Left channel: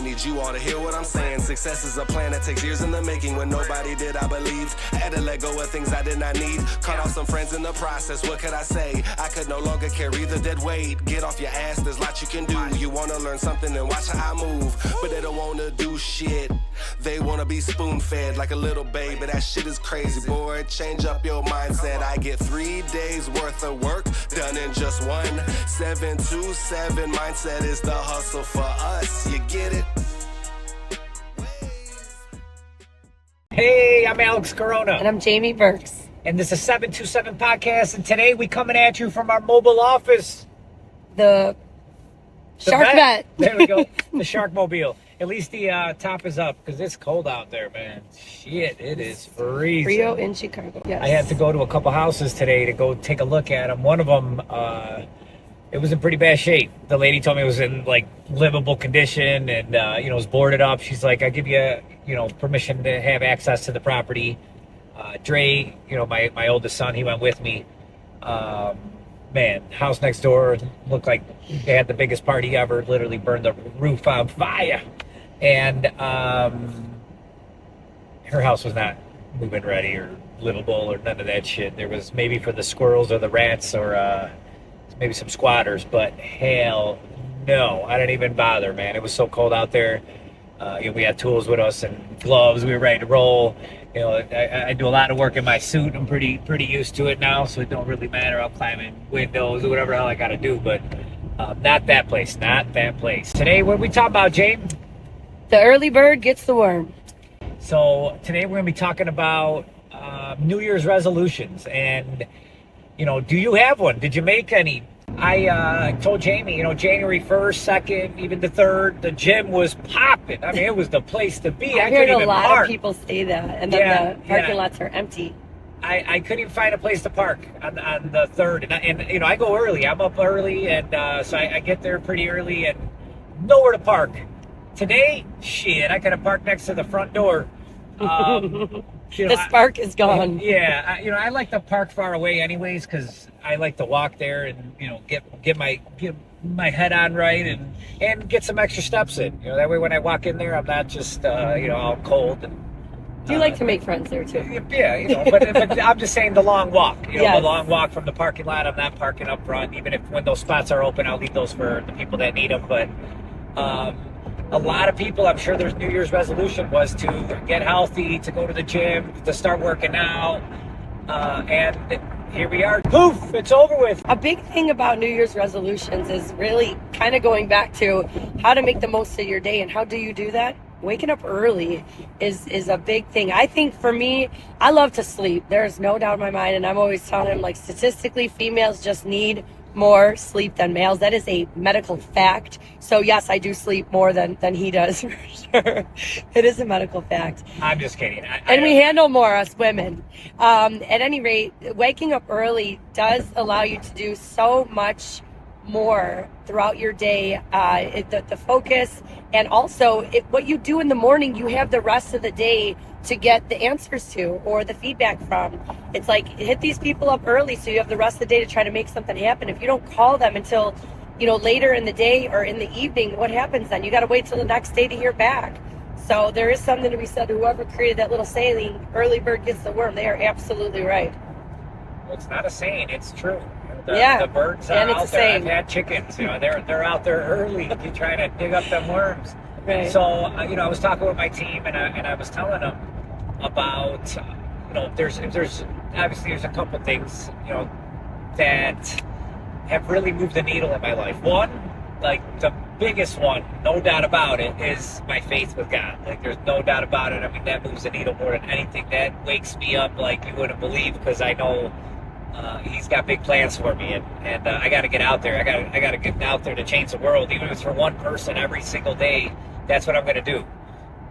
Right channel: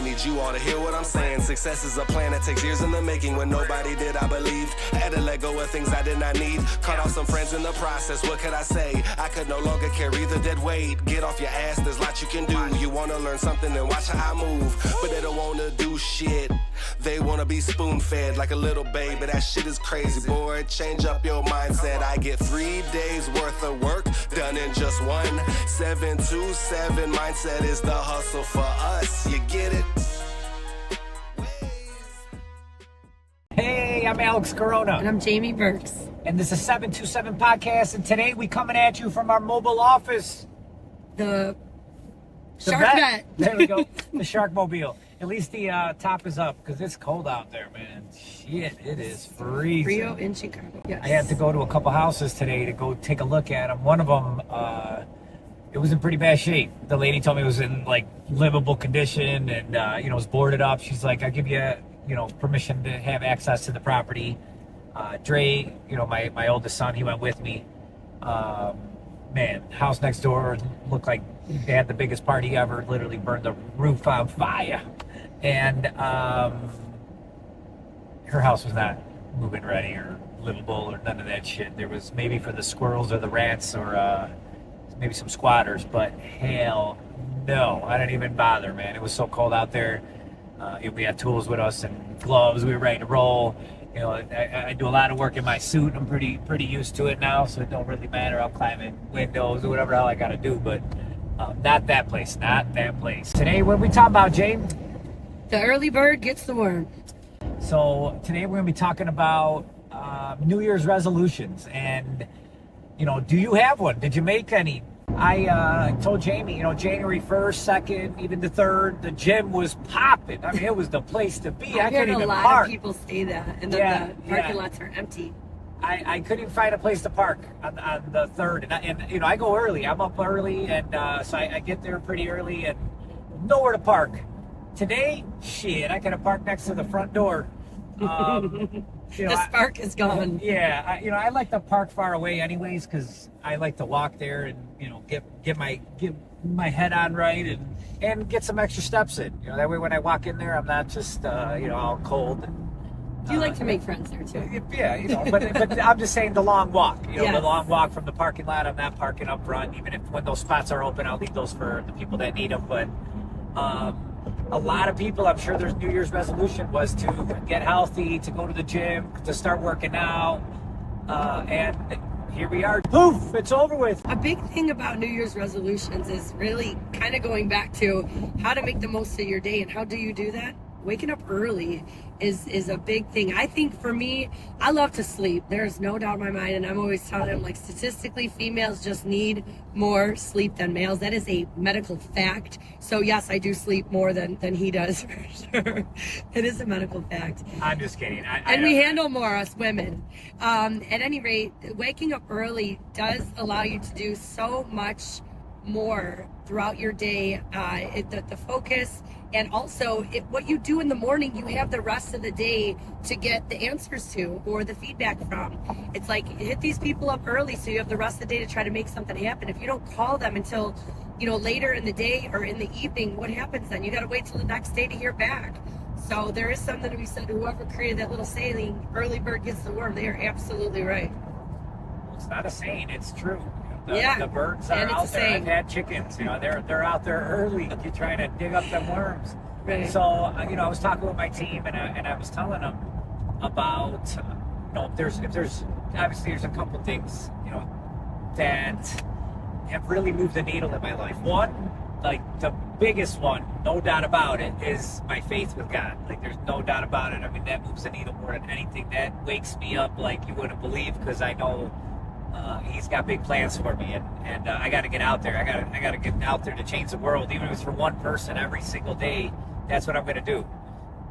I need you all to hear what I'm saying. Success is a plan that takes years in the making. When nobody did, I believed. I had to let go of things I did not need. Cut off some friends in the process, what could I say? I could no longer carry the dead weight. Get off your ass, there's lots you can do. You wanna learn something and watch how I move, but they don't wanna do shit. They wanna be spoon-fed like a little baby. That shit is crazy, boy. Change up your mindset. I get 3 days worth of work done in just one. 727 mindset is the hustle for us. You get it? Hey, I'm Alex Corona. And I'm Jaime Birks. And this is 727 Podcast. And today we coming at you from our mobile office. The Shark Vet. There we go. The Shark Mobile. At least the top is up because it's cold out there, man. Shit, it is freezing. Frio in Chicago. Yes. I had to go to a couple houses today to go take a look at them. One of them, it was in pretty bad shape. The lady told me it was in like livable condition and, it was boarded up. She's like, I give you, permission to have access to the property. Dre, my oldest son, he went with me. Man, house next door looked like they had the biggest party ever, literally burned the roof on fire. And her house was not move-in ready or livable or none of that shit. There was maybe for the squirrels or the rats or maybe some squatters, but hell no, I didn't even bother, man. It was so cold out there. We had tools with us and gloves. We were ready to roll. I do a lot of work in my suit. I'm pretty used to it now, so it don't really matter. I'll climb in windows or whatever the hell I got to do, but not that place. Not that place. Today, what are we talking about, Jane? The early bird gets the worm. So today we're going to be talking about New Year's resolutions. And, do you have one? Did you make any? I told Jamie, January 1st, 2nd, even the 3rd, the gym was popping. I mean, it was the place to be. I heard a lot of people say that, and then the parking lots are empty. I couldn't even find a place to park on the 3rd. And I go early. I'm up early, and so I get there pretty early and nowhere to park. Today, shit, I could have parked next to the front door. The spark is gone. Yeah, I like to park far away anyways because I like to walk there and get my head on right and get some extra steps in. That way when I walk in there, I'm not just all cold. Do you like to make friends there too? Yeah, but I'm just saying the long walk. Yes. The long walk from the parking lot. I'm not parking up front, even if when those spots are open, I'll leave those for the people that need them. But a lot of people, I'm sure their New Year's resolution was to get healthy, to go to the gym, to start working out. And here we are. Poof, it's over with. A big thing about New Year's resolutions is really kind of going back to how to make the most of your day. And how do you do that? Waking up early is a big thing. I think for me, I love to sleep. There's no doubt in my mind. And I'm always telling him, like, statistically, females just need more sleep than males. That is a medical fact. So yes, I do sleep more than he does, for sure. It is a medical fact. I'm just kidding. And we handle more, us women. At any rate, waking up early does allow you to do so much more throughout your day. The focus, and also what you do in the morning, you have the rest of the day to get the answers to or the feedback from. It's like, hit these people up early so you have the rest of the day to try to make something happen. If you don't call them until later in the day or in the evening, what happens then? You got to wait till the next day to hear back. So there is something to be said. Whoever created that little saying, early bird gets the worm, they are absolutely right. Well, it's not a saying, it's true. The birds are and it's out the there. same. I've had chickens, they're out there early. You're trying to dig up them worms. Right. So, I was talking with my team and I was telling them about, there's obviously there's a couple things, that have really moved the needle in my life. One, like the biggest one, no doubt about it, is my faith with God. Like, there's no doubt about it. I mean, that moves the needle more than anything. That wakes me up like you wouldn't believe, because I know he's got big plans for me, and I got to get out there. I got to get out there to change the world, even if it's for one person every single day. That's what I'm going to do.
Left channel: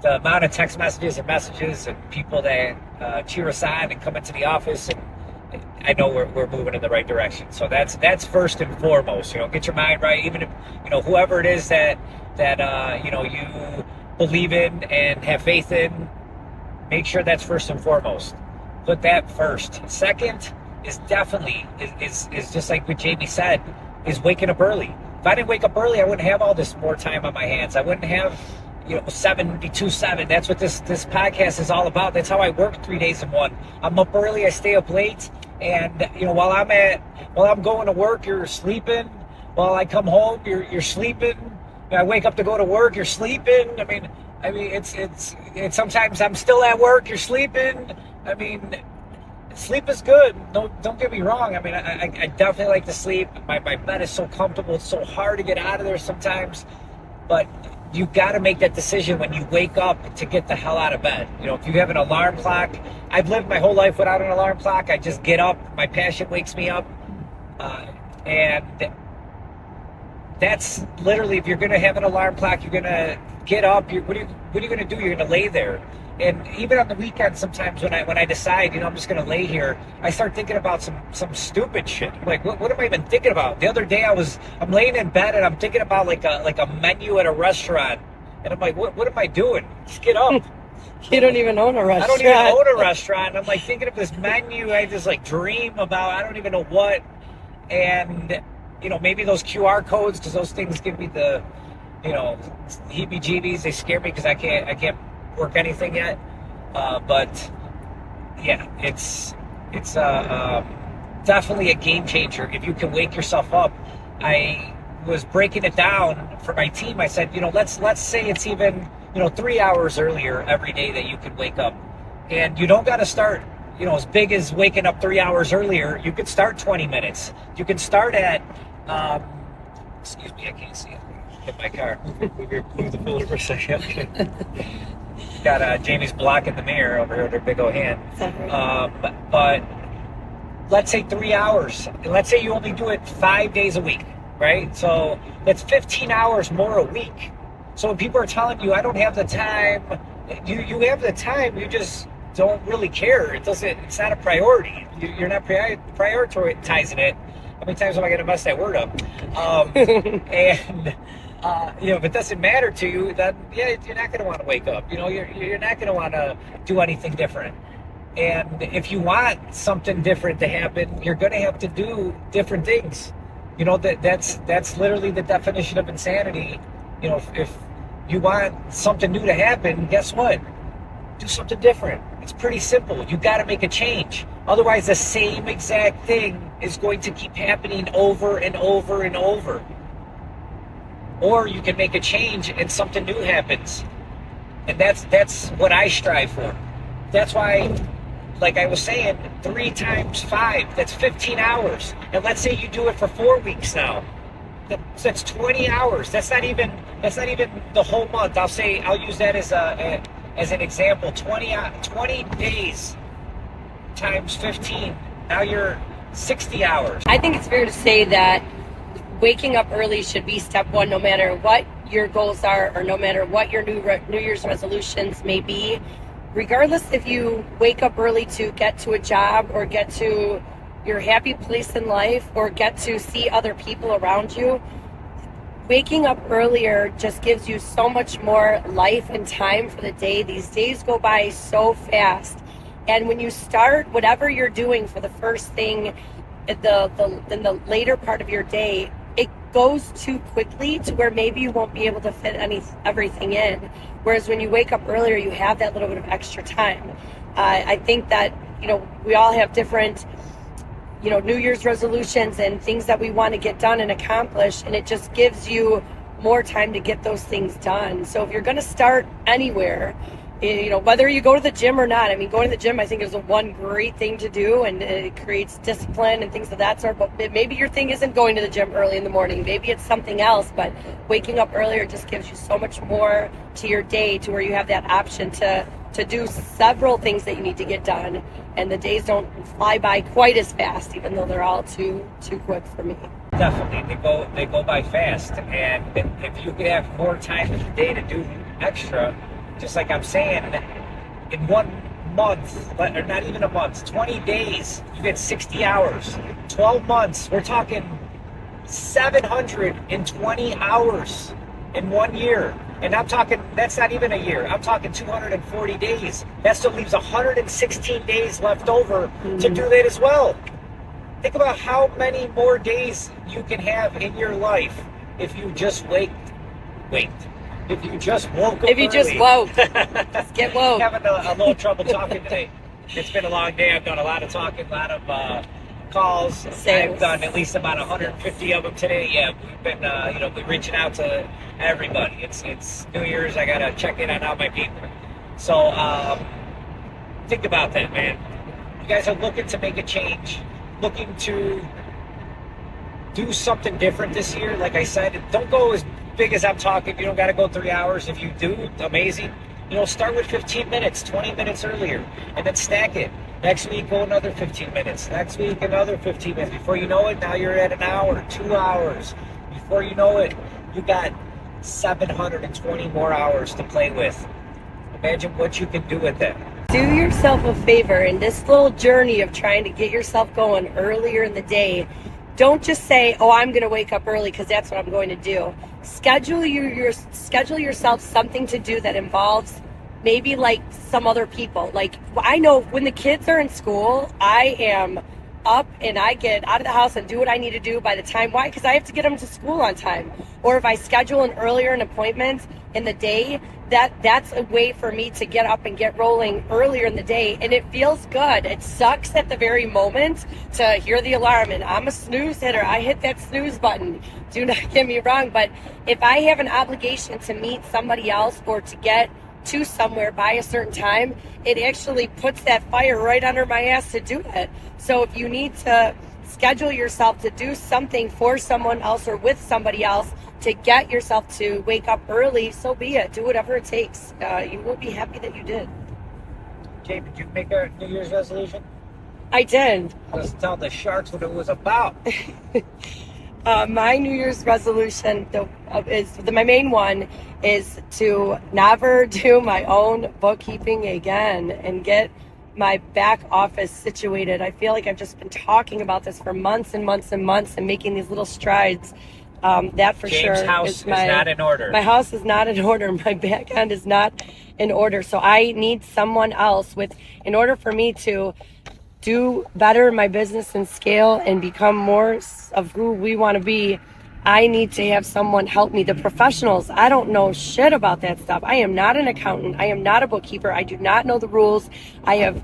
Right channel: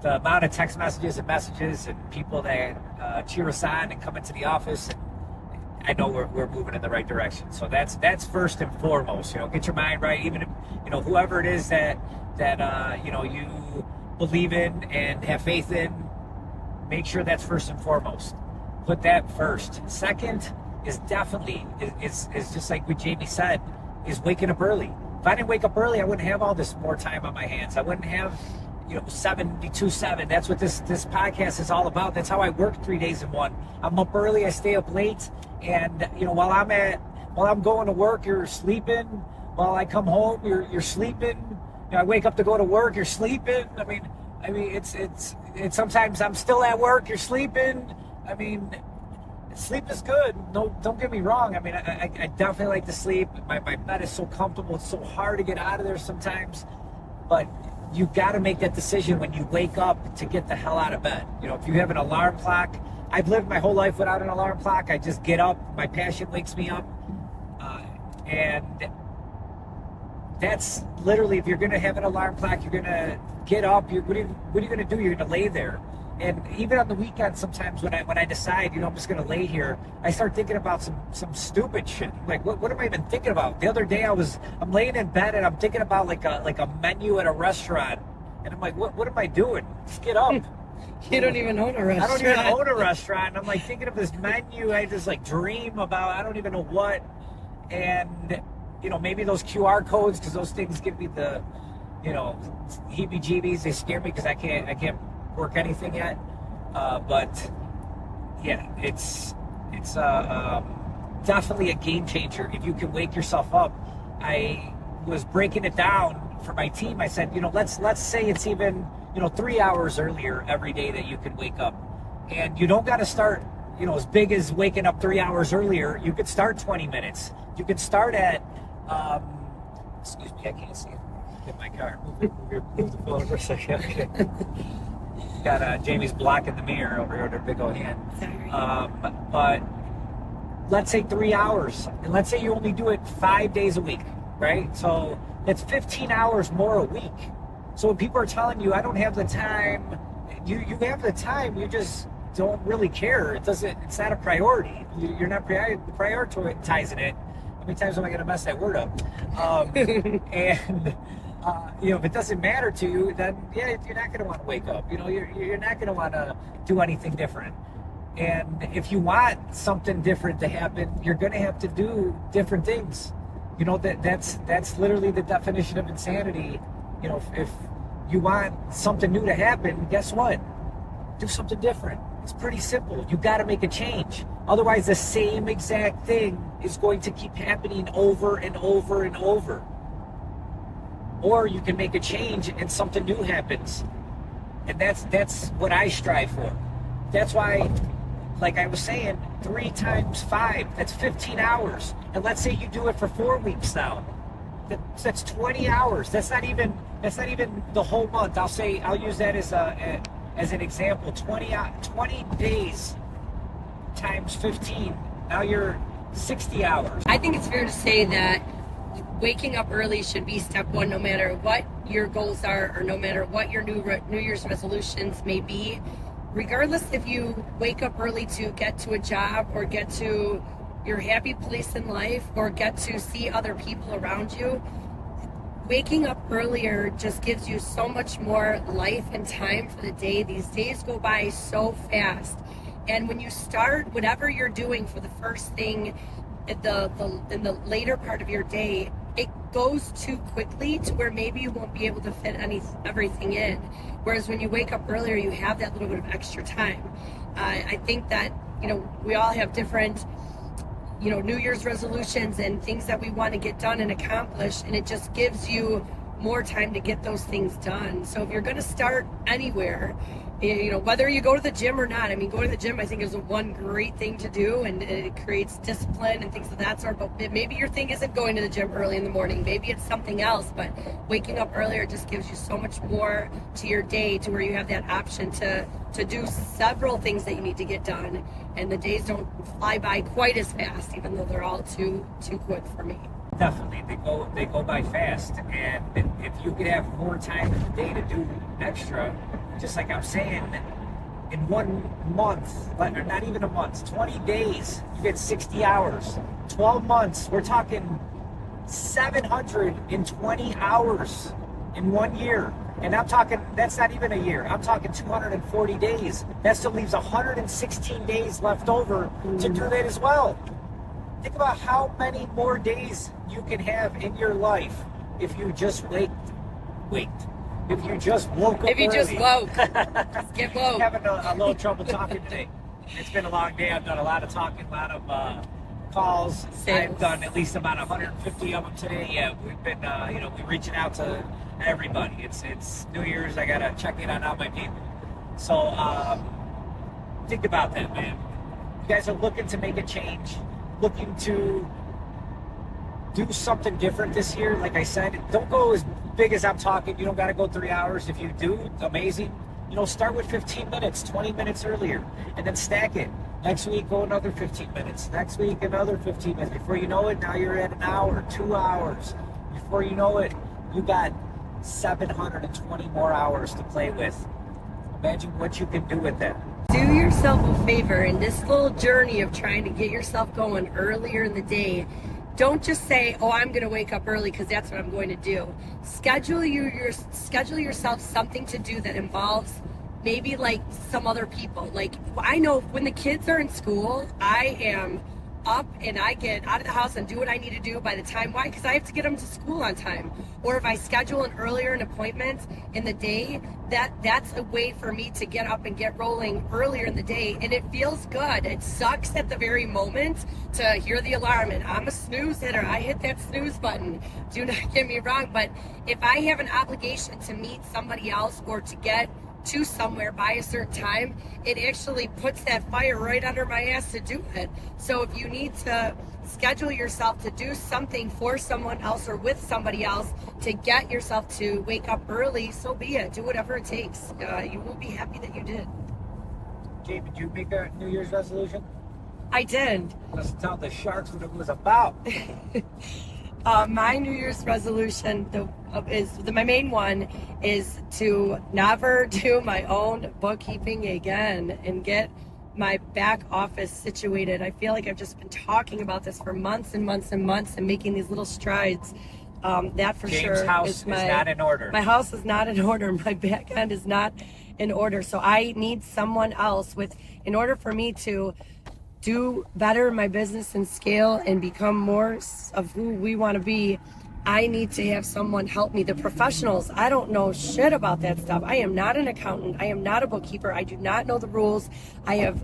The amount of text messages and people that cheer us on and come into the office, and I know we're moving in the right direction. So that's first and foremost. Get your mind right. Even if whoever it is that you believe in and have faith in, make sure that's first and foremost. Put that first. Second is definitely is just like what Jamie said, is waking up early. If I didn't wake up early, I wouldn't have all this more time on my hands. I wouldn't have 72.7. That's what this podcast is all about. That's how I work 3 days in one. I'm up early, I stay up late, and while I'm going to work, you're sleeping. While I come home, you're sleeping. I wake up to go to work, you're sleeping. I mean, it's sometimes I'm still at work, you're sleeping. I mean, sleep is good. No, don't get me wrong. I mean, I definitely like to sleep. My bed is so comfortable. It's so hard to get out of there sometimes, but you got to make that decision when you wake up to get the hell out of bed. If you have an alarm clock, I've lived my whole life without an alarm clock. I just get up. My passion wakes me up. And that's literally, if you're going to have an alarm clock, you're going to get up. What are you going to do? You're going to lay there. And even on the weekend, sometimes when I decide, I'm just going to lay here, I start thinking about some stupid shit. I'm like, what am I even thinking about? The other day I'm laying in bed and I'm thinking about like a menu at a restaurant, and I'm like, what am I doing? Just get up. You don't even own a restaurant. I don't even own a restaurant. I'm like thinking of this menu I just like dream about. I don't even know what. And maybe those QR codes, because those things give me the heebie-jeebies. They scare me because I can't work anything yet, but yeah, it's definitely a game changer if you can wake yourself up. I was breaking it down for my team. I said, let's say it's even 3 hours earlier every day that you can wake up, and you don't got to start as big as waking up 3 hours earlier. You could start 20 minutes. You can start at excuse me, I can't see it. Hit my car. Move the filter for a second. Okay. Got Jamie's blocking the mirror over here with her big old hand. But let's say 3 hours, and let's say you only do it 5 days a week, right? So that's 15 hours more a week. So when people are telling you, I don't have the time, you have the time, you just don't really care. It's not a priority. You're not prioritizing it. How many times am I going to mess that word up? And if it doesn't matter to you, then yeah, you're not going to want to wake up. You're not going to want to do anything different. And if you want something different to happen, you're going to have to do different things. That's literally the definition of insanity. If you want something new to happen, guess what? Do something different. It's pretty simple. You got to make a change. Otherwise, the same exact thing is going to keep happening over and over and over. Or you can make a change and something new happens. And that's what I strive for. That's why, like I was saying, 3 times 5, that's 15 hours. And let's say you do it for 4 weeks now. That's 20 hours. That's not even the whole month. I'll use that as an example. 20 days times 15. Now you're 60 hours. I think it's fair to say that waking up early should be step one, no matter what your goals are, or no matter what your New Year's resolutions may be. Regardless if you wake up early to get to a job, or get to your happy place in life, or get to see other people around you, waking up earlier just gives you so much more life and time for the day. These days go by so fast. And when you start whatever you're doing for the first thing in the later part of your day, it goes too quickly to where maybe you won't be able to fit everything in. Whereas when you wake up earlier, you have that little bit of extra time. I think that, we all have different, New Year's resolutions and things that we want to get done and accomplish, and it just gives you more time to get those things done. So if you're going to start anywhere, whether you go to the gym or not, going to the gym, I think, is one great thing to do, and it creates discipline and things of that sort. But maybe your thing isn't going to the gym early in the morning. Maybe it's something else, but waking up earlier just gives you so much more to your day, to where you have that option to do several things that you need to get done. And the days don't fly by quite as fast, even though they're all too quick for me. Definitely, they go by fast. And if you have more time in the day to do extra, just like I'm saying, in 1 month, or not even a month, 20 days, you get 60 hours. 12 months, we're talking 720 hours in 1 year. And I'm talking, that's not even a year. I'm talking 240 days. That still leaves 116 days left over to do that as well. Think about how many more days you can have in your life if you just waked. If you just woke up If you just early. woke, just get woke. Having a little trouble talking today. It's been a long day. I've done a lot of talking, a lot of calls. Sales. I've done at least about 150 of them today. Yeah, we've been, we're reaching out to everybody. It's New Year's. I gotta check in on all my people. So think about that, man. You guys are looking to make a change, looking to do something different this year. Like I said, don't go as big as I'm talking. You don't got to go 3 hours. If you do, amazing. Start with 15 minutes, 20 minutes earlier, and then stack it. Next week, go another 15 minutes. Next week, another 15 minutes. Before you know it, now you're at an hour, 2 hours. Before you know it, you got 720 more hours to play with. Imagine what you can do with that. Do yourself a favor in this little journey of trying to get yourself going earlier in the day. Don't just say, "Oh, I'm going to wake up early because that's what I'm going to do." Schedule yourself something to do that involves maybe like some other people. Like, I know when the kids are in school, I am up and I get out of the house and do what I need to do by the time. Why? Because I have to get them to school on time. Or if I schedule an appointment in the day, that's a way for me to get up and get rolling earlier in the day, and it feels good. It sucks at the very moment to hear the alarm, and I'm a snooze hitter. I hit that snooze button. Do not get me wrong, but if I have an obligation to meet somebody else or to get to somewhere by a certain time, it actually puts that fire right under my ass to do it. So if you need to schedule yourself to do something for someone else or with somebody else to get yourself to wake up early, so be it. Do whatever it takes. You will be happy that you did. Jay, did you make a New Year's resolution? I did. Just tell the Sharks what it was about. My New Year's resolution my main one is to never do my own bookkeeping again and get my back office situated. I feel like I've just been talking about this for months and months and months and making these little strides. That for James' sure house is is not in order. My house is not in order. My back end is not in order. So I need someone else in order for me to do better in my business and scale and become more of who we want to be. I need to have someone help me. The professionals, I don't know shit about that stuff. I am not an accountant. I am not a bookkeeper. I do not know the rules. I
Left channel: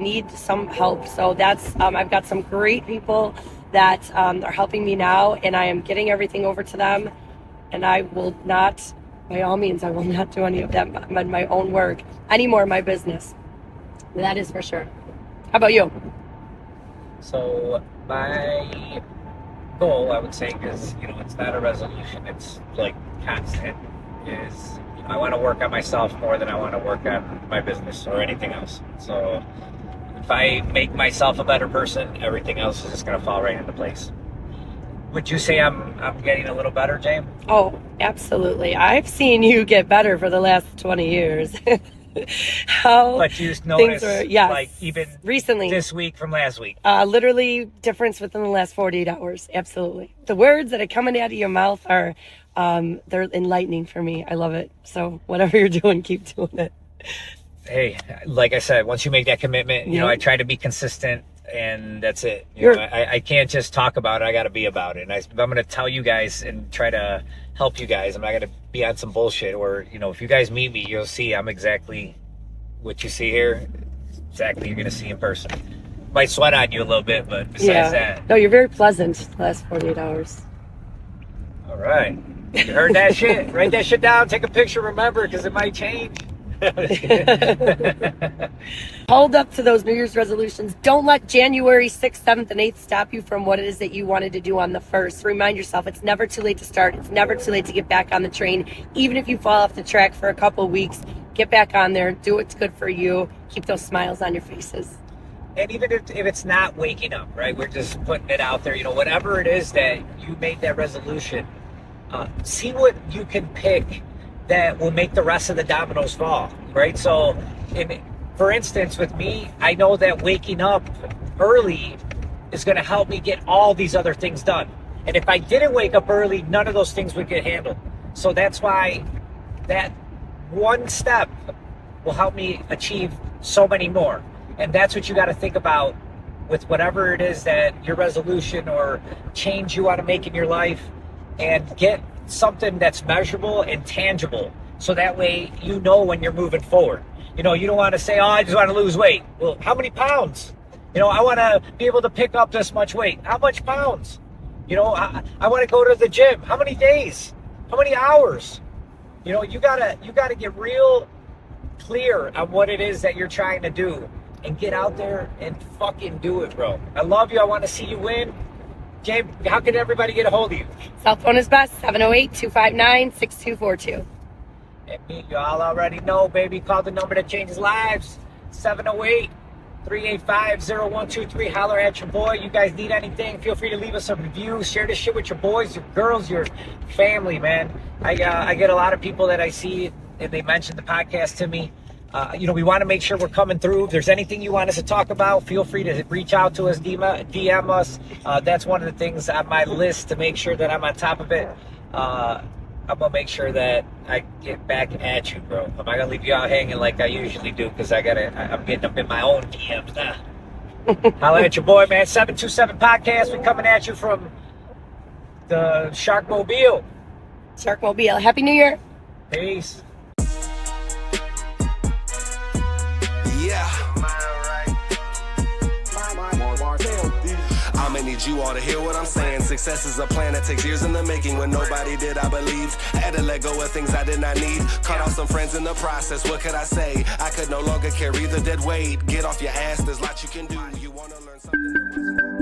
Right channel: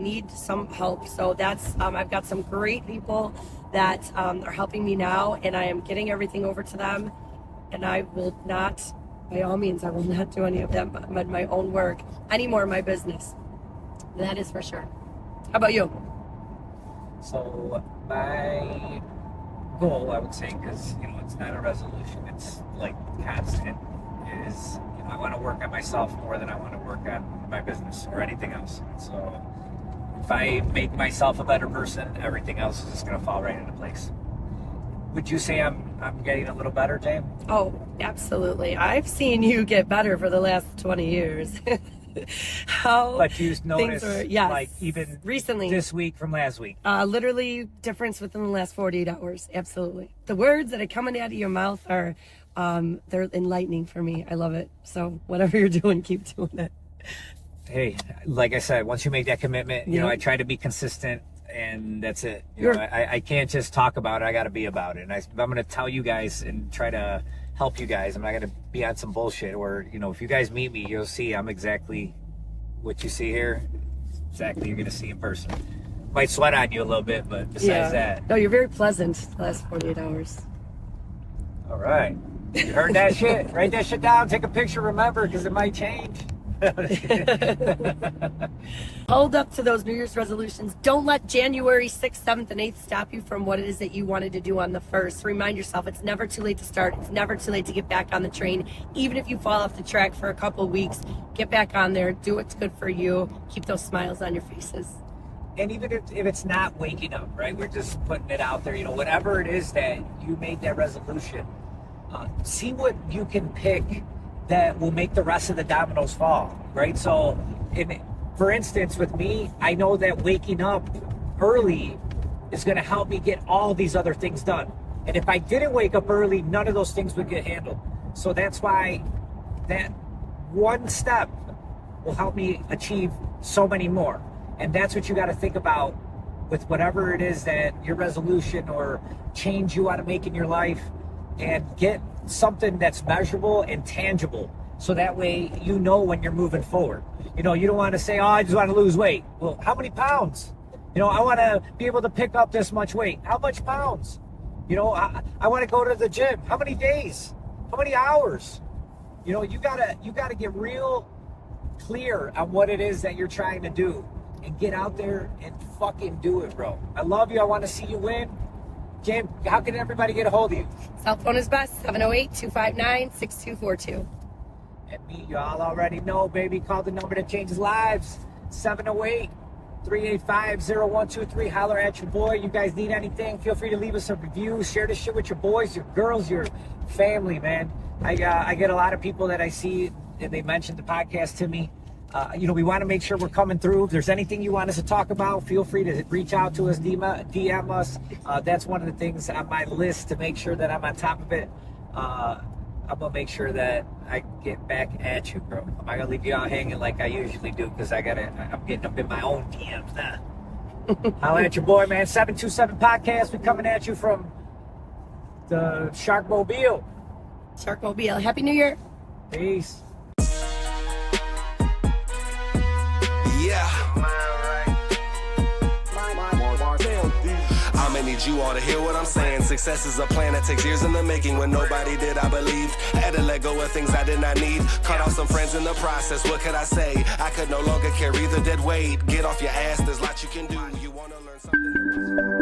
need some help. So that's, I've got some great people that are helping me now, and I am getting everything over to them. And I will not, by all means, I will not do any of that, my own work anymore in my business. That is for sure. How about you? So my goal, I would say, because it's not a resolution, it's like constant, is I want to work on myself more than I want to work on my business or anything else. So if I make myself a better person, everything else is just going to fall right into place. Would you say I'm getting a little better, James? Oh, absolutely. I've seen you get better for the last 20 years. But you noticed, yes, like even recently, this week from last week, literally difference within the last 48 hours. Absolutely. The words that are coming out of your mouth are, they're enlightening for me. I love it. So whatever you're doing, keep doing it. Hey, like I said, once you make that commitment, I try to be consistent, and that's it. I can't just talk about it. I got to be about it. And I'm going to tell you guys and try to help you guys. I'm not going to be on some bullshit, or, if you guys meet me, you'll see I'm exactly what you see here. Exactly you're going to see in person. Might sweat on you a little bit, but besides that. No, you're very pleasant the last 48 hours. All right. You heard that shit? Write that shit down. Take a picture. Remember, because it might change. Hold up to those New Year's resolutions. Don't let January 6th, 7th, and 8th stop you from what it is that you wanted to do on the 1st. Remind yourself it's never too late to start. It's never too late to get back on the train. Even if you fall off the track for a couple of weeks, get back on there. Do what's good for you. Keep those smiles on your faces. And even if it's not waking up, right? We're just putting it out there. Whatever it is that you made that resolution, see what you can pick that will make the rest of the dominoes fall, right? So, for instance, with me, I know that waking up early is going to help me get all these other things done. And if I didn't wake up early, none of those things would get handled. So that's why that one step will help me achieve so many more. And that's what you got to think about with whatever it is that your resolution or change you want to make in your life, and get something that's measurable and tangible. So that way, you know, when you're moving forward. You know, you don't want to say, oh, I just want to lose weight. Well, how many pounds? You know, I want to be able to pick up this much weight. How much pounds? You know, I want to go to the gym. How many days? How many hours? You know, you gotta get real clear on what it is that you're trying to do and get out there and fucking do it, bro. I love you. I want to see you win. James, how can everybody get a hold of you? Cell phone is best, 708-259-6242. And me, you all already know, baby. Call the number that changes lives. 708-385-0123. Holler at your boy. You guys need anything, feel free to leave us a review. Share this shit with your boys, your girls, your family, man. I get a lot of people that I see, and they mention the podcast to me. You know, we want to make sure we're coming through. If there's anything you want us to talk about, feel free to reach out to us, DM us. That's one of the things on my list to make sure that I'm on top of it. I'm going to make sure that I get back at you, bro. I'm not going to leave you out hanging like I usually do because I'm getting up in my own DMs now. Holla at your boy, man. 727 Podcast. We coming at you from the Sharkmobile. Sharkmobile. Happy New Year. Peace. Yeah. I'ma need you all to hear what I'm saying. Success is a plan that takes years in the making. When nobody did, I believed. Had to let go of things I did not need. Cut off some friends in the process. What could I say? I could no longer carry the dead weight. Get off your ass, there's lots you can do. You wanna learn something?